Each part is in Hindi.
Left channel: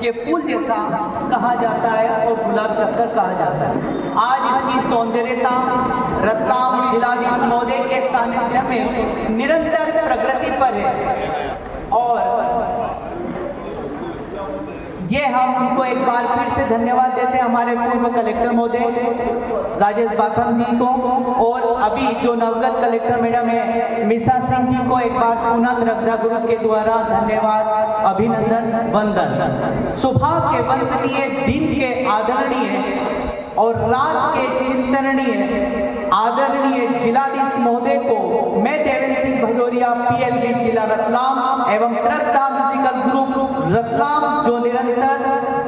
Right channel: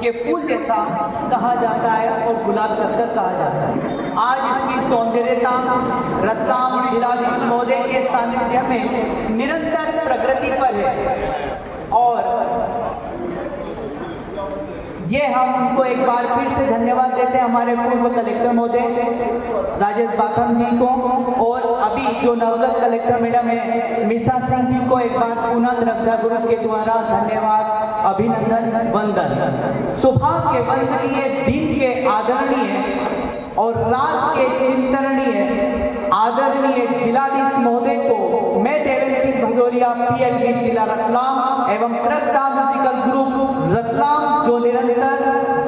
के फूल जैसा कहा जाता है और गुलाब चक्कर कहा जाता है। आज इसकी सौंदर्यता रतलाम जिलाधीश महोदय के सानिध्य में निरंतर प्रगति पर है और ये हम उनको एक बार फिर से धन्यवाद देते हैं, हमारे पूर्व कलेक्टर महोदय राजेश बाथम जी को, और अभी जो नवगत कलेक्टर मैडम है मिसा सिंह जी को एक बार पुनः रक्षा ग्रुप के द्वारा धन्यवाद, अभिनंदन, वंदन। सुबह के वंदनीय, दिन के आदरणीय और रात के चिंतनीय आदरणीय जिलाधीश महोदय को मैं देवेंद्र सिंह भदौरिया पीएलबी जिला रतलाम एवं श्रद्धा म्यूजिकल ग्रुप रतलाम जो निरंतर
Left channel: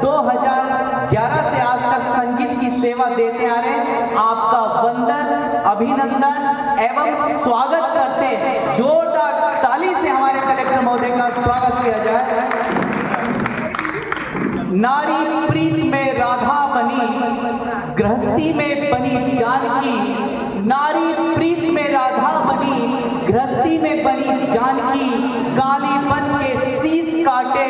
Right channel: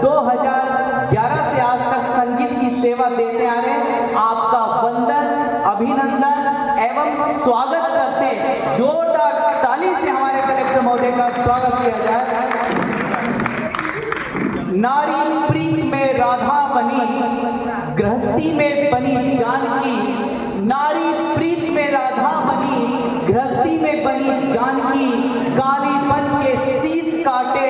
2011 से आज तक संगीत की सेवा देते आ रहे हैं, आपका वंदन, अभिनंदन एवं स्वागत करते हैं। जोरदार ताली से हमारे कलेक्टर महोदय का स्वागत किया जाए। नारी प्रीत में राधा बनी, गृहस्थी में बनी जानकी, नारी प्रीत में राधा बनी, गृहस्थी में बनी जानकी, काली बन के शीश काटे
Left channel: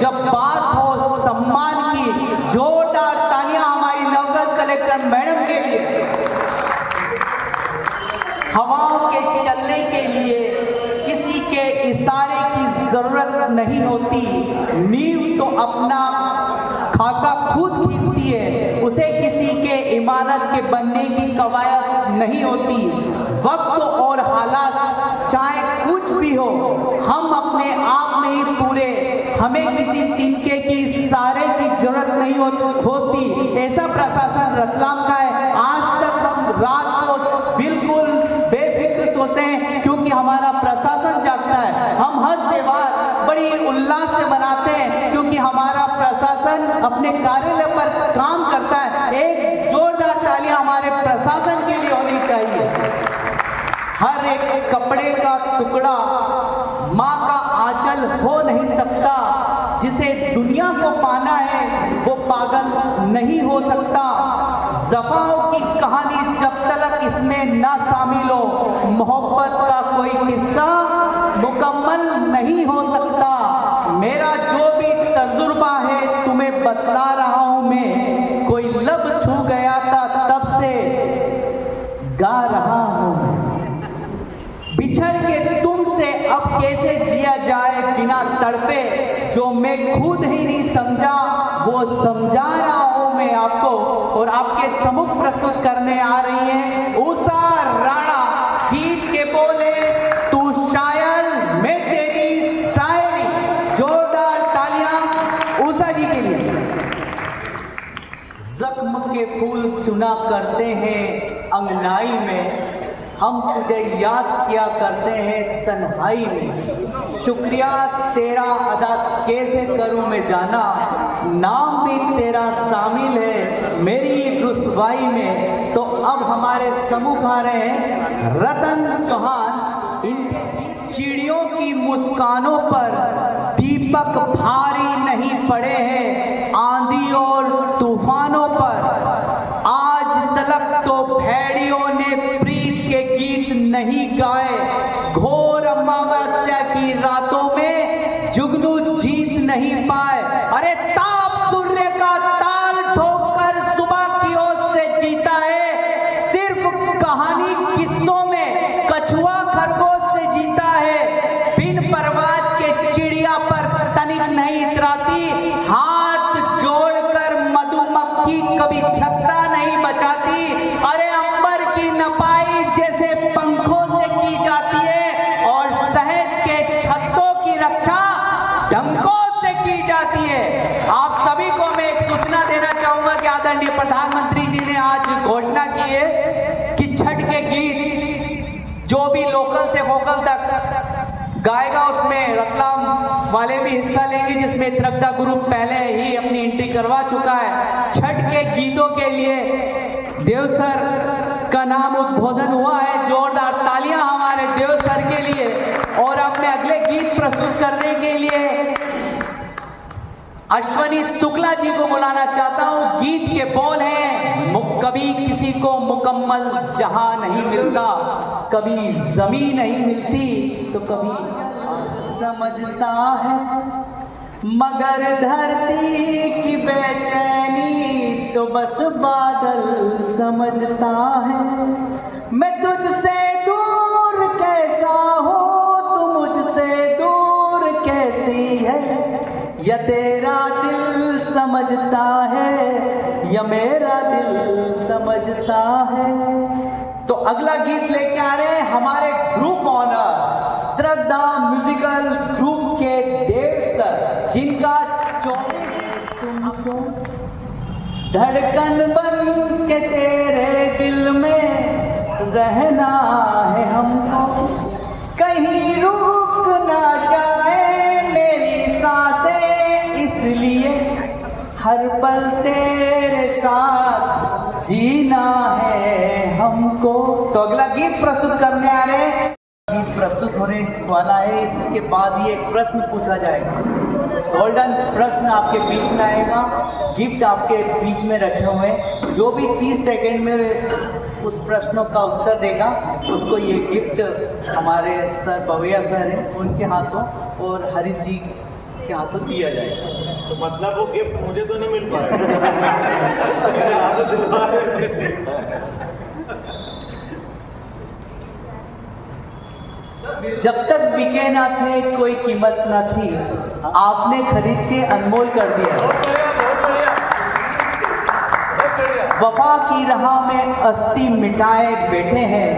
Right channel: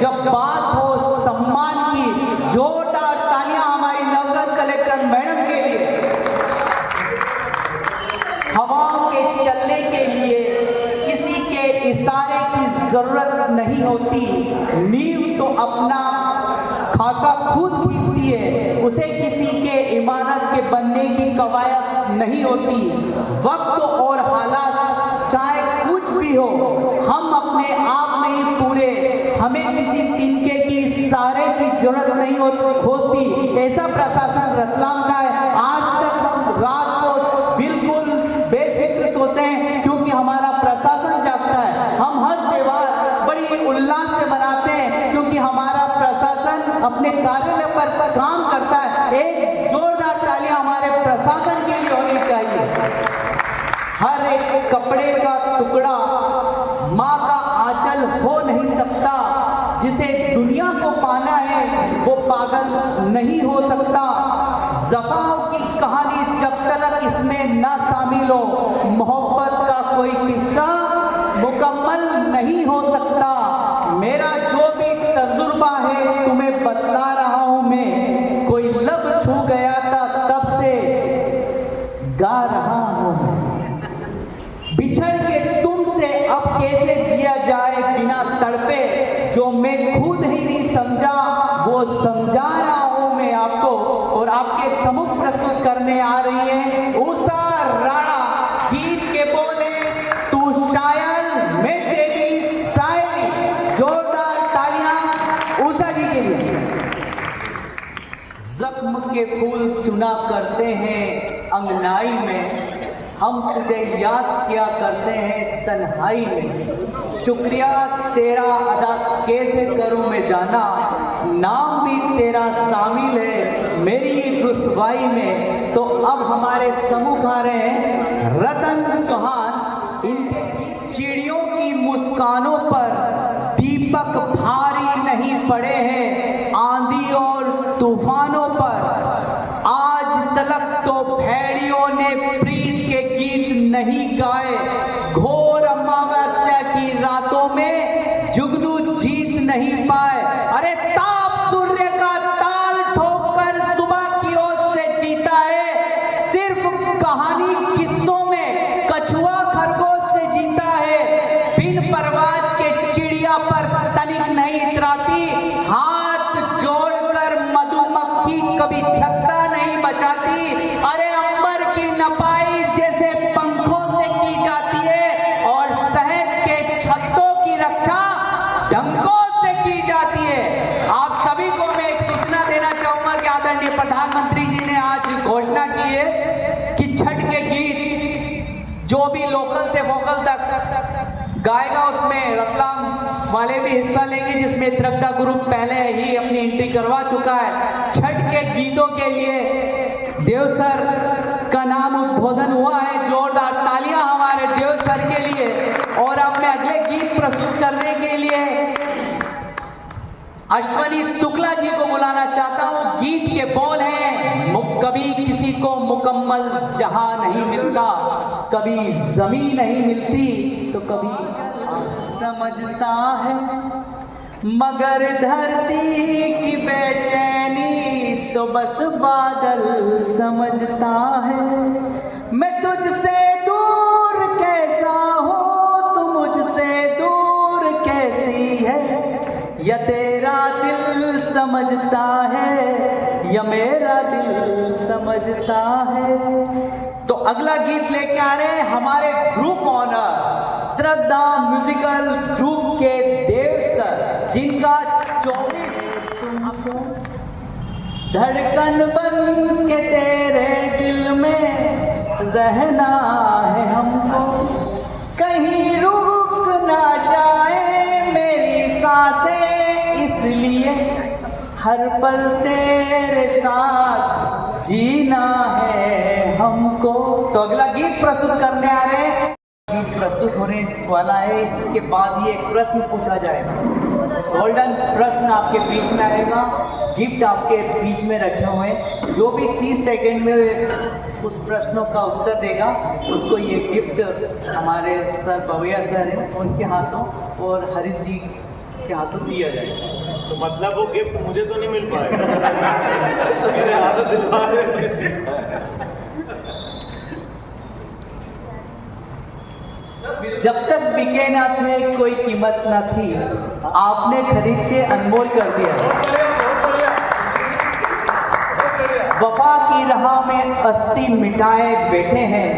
जब बात हो सम्मान की। जोरदार तालियां हमारी नवगत कलेक्टर मैडम के लिए। हवा के चलने के लिए किसी के इशारे की जरूरत नहीं होती, नींव तो अपना खाका खुद खींचती है, उसे किसी के इमारत के बनने की कवायद नहीं होती। वक्त और हालात चाहे कुछ भी हो, हम अपने आप में ही पूरे, हमें किसी तिनके की सहारे की जरूरत नहीं होती। ऐसा प्रशासन रतलाम का है। आज तक हम रात को बिल्कुल बेफिक्र सोते हैं क्योंकि हमारा प्रशासन जागता है। हम हर त्योहार बड़ी उल्लास से मनाते हैं क्योंकि हमारा प्रशासन अपने कार्यालय पर काम करता है। एक जोरदार तालियां हमारे प्रशासन के लिए होनी चाहिए। हर एक कपड़े का टुकड़ा माँ का आंचल हो नहीं सकता, जिसे दुनिया को पाना है वो पागल नहीं हो सकता। ज़फ़ाओं की कहानी जब तक इसमें ना शामिल हो, मोहब्बत का कोई किस्सा मुकम्मल नहीं हो सकता। मेरा जो भी तजुर्बा है तुम्हें बतला रहा हूं मैं, कोई लब छू गया था तब से गा रहा हूं मैं। बिछड़ के तुमसे अब कैसे जिया जाए बिना तड़पे, जो मैं खुद ही नहीं समझा वो समझा रहा हूं मैं आपको। और आपके सम्मुख प्रस्तुत करने आ रही है उषा राणा। गीत के बोले तू शायर, मैं तेरी शायरी। जोरदार तालियां उषा जी के लिए। जख्म के फूल चुना करते हैं अंगनाई में, हम तुझे याद किया करते हैं तन्हाई में। शुक्रिया तेरा अदा कैसे करूं मैं जाना, नाम भी तेरा शामिल है मेरी रुसवाई में। तो अब हमारे समूह आ रहे हैं रतन चौहान। इनके चिड़ियों की मुस्कानों पर दीपक भारी नहीं पड़े हैं आंधी और तूफानों पर। आज तलक तो भेड़ियों ने प्रीत के गीत नहीं गाए, घोर अमावस्या की रातों में जुगनू जीत नहीं पाए। अरे ताप सूर्य का ताल ठोकर सुबह की ओर से जीता है, सिर्फ कहानी किस्सों में कछुआ खरगोश से जीता है। बिन परवाज के चिड़िया पर तनिक नहीं इतराती, हाथ जोड़कर मधुमक्खी कभी छत्ता नहीं बचाती। अरे अंबर की नपाई जैसे पंखों से की जाती है और शहद के छत्तों की रक्षा डंकों से की जाती है। आप सभी को मैं एक सूचना देना चाहूंगा कि आदरणीय प्रधानमंत्री जी ने आज घोषणा की है कि छठ के गीत जो भी लोकल से वोकल तक गाएगा उसमें रतलाम वाले भी हिस्सा लेंगे, जिसमें श्रद्धा ग्रुप पहले ही अपनी एंट्री करवा चुका है। छठ के गीतों के लिए देव सर का नाम उद्बोधन हुआ है। जोरदार तालियां हमारे देव सर के लिए। और अब मैं अगले गीत प्रस्तुत करने के लिए अश्वनी शुक्ला जी को बुलाना चाहता हूं। गीत के बोल हैं कभी किसी को मुकम्मल जहां नहीं मिलता, कभी जमीन नहीं मिलती तो कभी समझता है मगर धरती की बेचैनी तो बस बादल समझता है। मैं तुझसे दूर कैसा हूँ, तू मुझसे दूर कैसी है, या तेरा दिल समझता है या मेरा दिल समझता है। तो अगला गीत लेके आ रहे हैं हमारे ग्रुप ऑनर श्रद्धा म्यूजिकल ग्रुप के देव सर, जिनका 24 तुमको धड़कन बन के तेरे दिल में रहना है हमको, कहीं रुक ना जाए मेरी सांसें, इसलिए हर पल तेरे साथ जीना है हमको। तो अगला गीत प्रस्तुत करने आ रहे हैं, गीत प्रस्तुत होने वाला है, इसके बाद ये एक प्रश्न पूछा जाएगा, गोल्डन प्रश्न आपके बीच में आएगा, गिफ्ट आपके बीच में रखे हुए हैं। जो भी 30 सेकेंड में उस प्रश्नों का उत्तर देगा उसको ये गिफ्ट हमारे सर बविया सर हैं उनके हाथों और हरीश जी के हाथों दिया जाएगा। तो मतलब वो गिफ्ट मुझे तो नहीं मिल पाएगा। मेरे जब तक बिके ना थे कोई कीमत ना थी, आपने खरीद के अनमोल कर दिया। वफा की राह में अस्ती मिटाए बैठे हैं,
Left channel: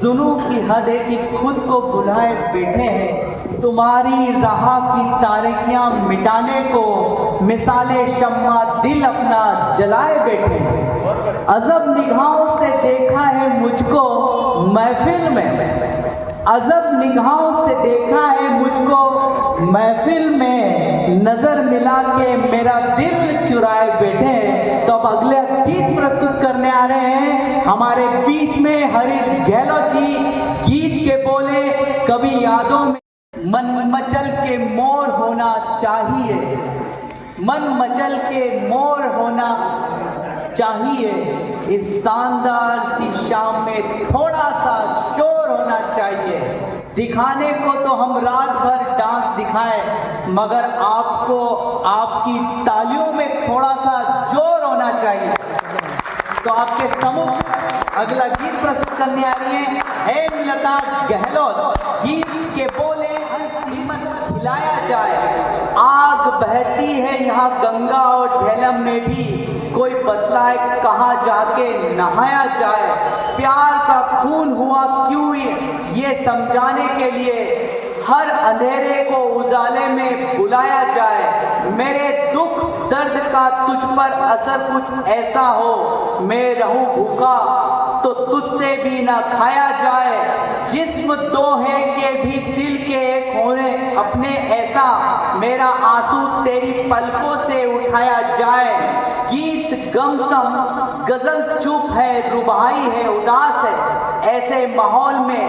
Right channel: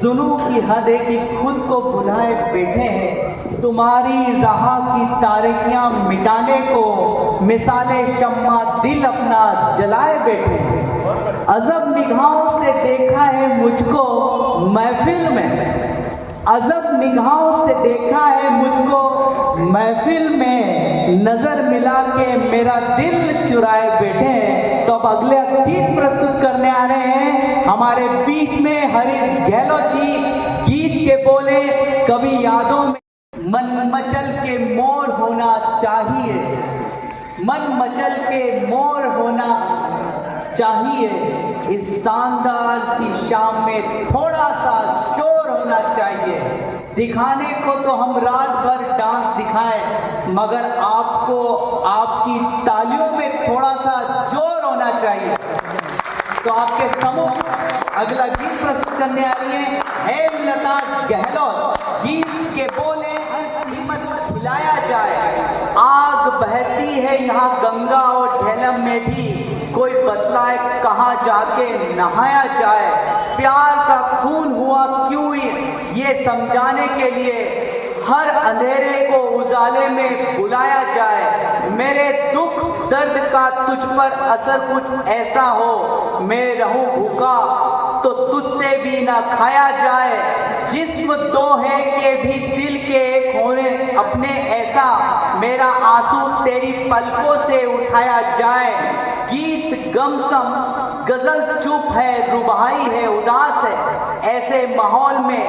जुनू की हद है कि खुद को भुलाए बैठे हैं। तुम्हारी राह की तारीकियां मिटाने को मिसाले शम्मा दिल अपना जलाए बैठे हैं। अजब निगाहों से देखा है मुझको महफिल में, अजब निगाहों से देखा है मुझको महफिल में, नजर मिला के मेरा दिल चुराए बैठे हैं। तो अब अगले गीत प्रस्तुत करने आ रहे हैं हमारे बीच में हरीश गहलोत जी। गीत के बोले, कभी यादों में मन मचल के मोर होना चाहिए, मन मचल के मोर होना चाहिए, इस शानदार सी शाम में थोड़ा सा शोर होना चाहिए। दिखाने को तो हम रात भर डांस दिखाएं, मगर आपको आपकी तालियों में थोड़ा सा जोर होना चाहिए। तो आपके समूह अगला गीत प्रस्तुत करने आ रही है हेमलता गहलोत। गीत के बोले, हिम्मत खिलाया जाए, आग बहती है यहाँ गंगा और झेलम में भी, कोई बतलाए कहाँ जाके नहाया जाए, प्यार का खून हुआ क्यों ये समझाने के लिए हर अंधेरे को उजाले में बुलाया जाए। मेरे दुख दर्द का तुझ पर असर कुछ ऐसा हो, मैं रहूं भूखा तो तुझसे भी ना खाया जाए, जिस्म दो है के भी दिल के एक होने अपने ऐसा, मेरा आंसू तेरी पलकों से उठाया जाए। गीत गमसम गजल चुप है, रुबाई है, उदास है, ऐसे माहौल में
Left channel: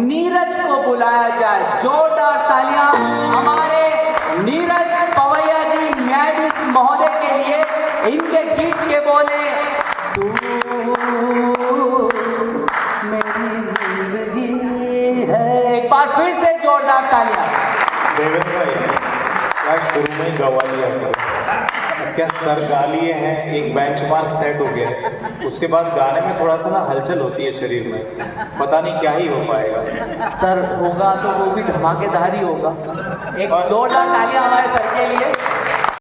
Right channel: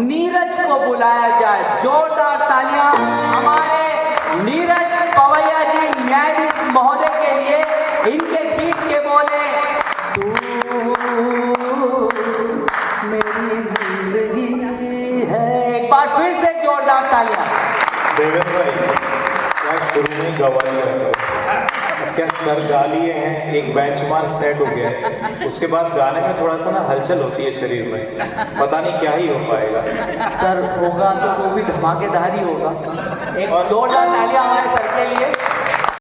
नीरज को बुलाया जाए। जोरदार तालियां हमारे नीरज पवैया जी न्यायाधीश महोदय के लिए। इनके गीत के बोले, तू मेरी जिंदगी है। एक बार फिर से जोरदार तालियां। देवेंद्र भाई, क्या शुरू में गवा लिया, क्या सर गा लिए हैं, एक बेंचमार्क सेट हो गया, उसके बाद गाने में थोड़ा सा ना हलचल होती है शरीर में, पता नहीं क्या ही हो पाएगा। सर होगा तो वो भी धमाकेदार ही होगा। एक जोरदार तालियां हमारे सर के लिए।